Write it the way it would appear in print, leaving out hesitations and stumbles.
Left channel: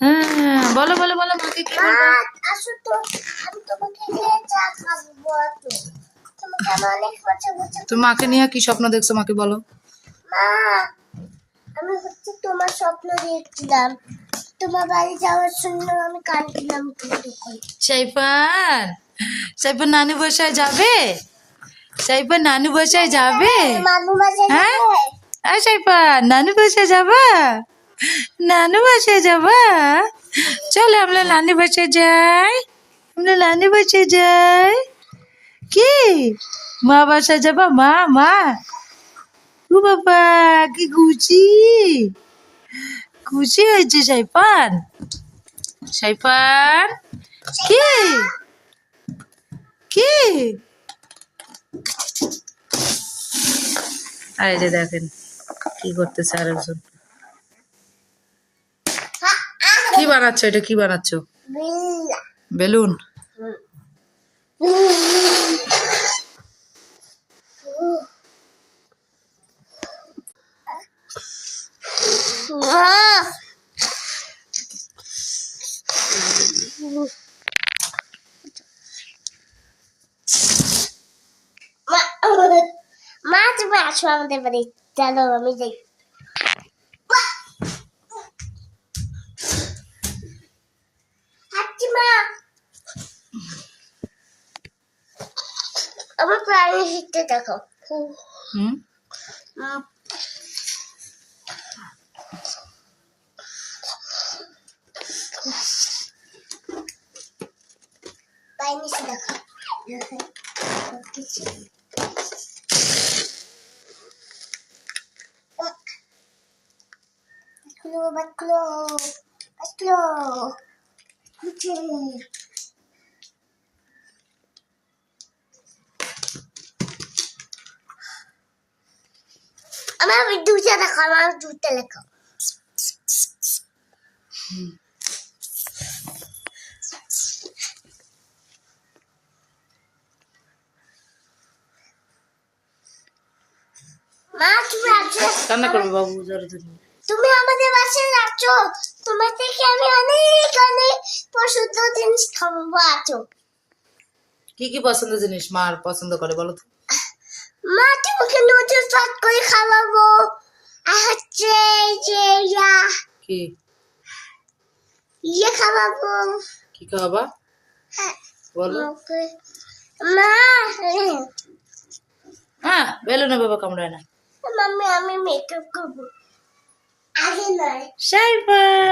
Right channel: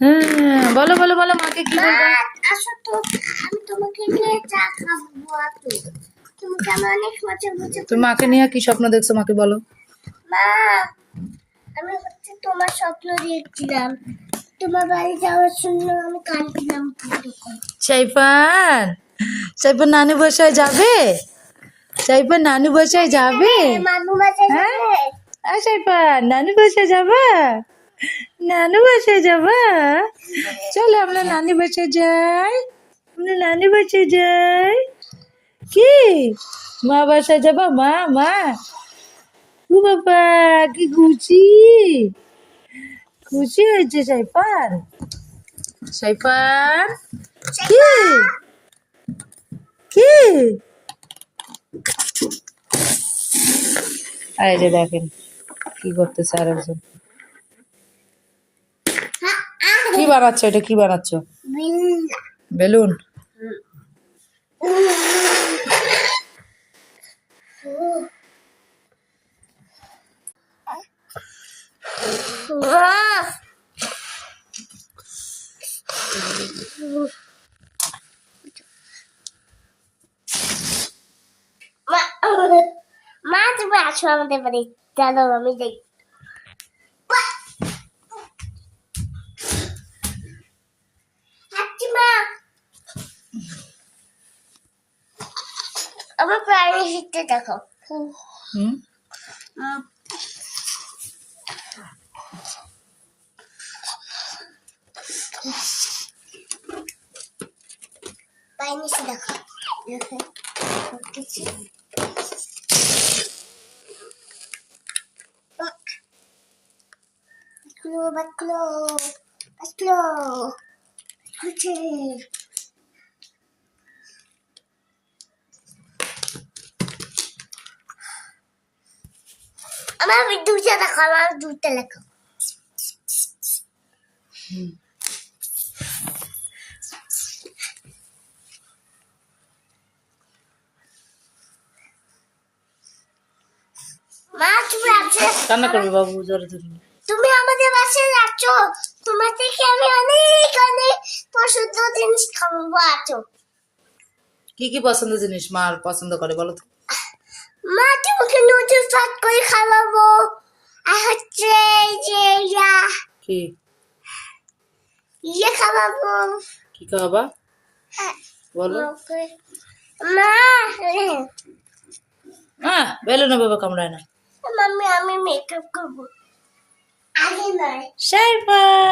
হ্যাঁ, বলো বলো বলো মাকে কি বলবো? আসো তো, আমি তোমাকে নিয়ে চা খাবো। তোমাকে আমি অনেক মজা মজা। তুমি মাকে নিয়ে কি স্বপ্ন দেখছো মাকে বলো? মা, আমি তোমার স্বপ্ন দেখছিলাম। তোমার বাড়ি যাওয়ার জন্য আমি কাঁদছিলাম তখন। সাইফান, সাইফান নানু বাসায় যাবে? সাইফান নানু বাসায় যাবে? মামু মাঝে হ্যাঁ, সাইফান নানু বাসায় যাবা? নানু বাসায় যাবা? চলো আমরা নানু বাসায় যাই, আমরা নানু বাসায় যাই। কি মা বাসায় যাবা? মা মা ও বাবা, কি খুশি, খুশি হয়েছে সাইফান। সাইফান কি কি? এই যে দেখেন কি করতেছে আরেকজন। কি বানাচ্ছ? এটা কি বানাচ্ছ? বেলুন। মা, তুমি আসো আমাদের বাড়ি। চলো আমি যাই। মা, আমার প্রাণী হিটটা দেখো। হুম, প্রাণী দেখো। বাটকুলো বাটকুলো বাটকুলো। আমার দুধটা দেখো, আমার দুধটা দেখো। মা, তুমি আছো? কান্না করবে বাবু জোরে জোরে। তুমি আমাদের বাসায় যাচ্ছ, তোমার থেকে আমি অনেক অনেক পছন্দ জিনিস খাবো। আছো কি কি পছন্দ জিনিস মার পছন্দ করে বলো তো? মা, তোমাকে নুডলস ভাত করে খাওয়াবো। আর হচ্ছে এই যে কি খাওয়াবো। কি খাওয়াবা হ্যাঁ, বলো? মা, হ্যাঁ, বেলুন বাবা কামড়ায় না। মাম্মি, আমি মেকআপ করবো। আগে নয়। সাইফান।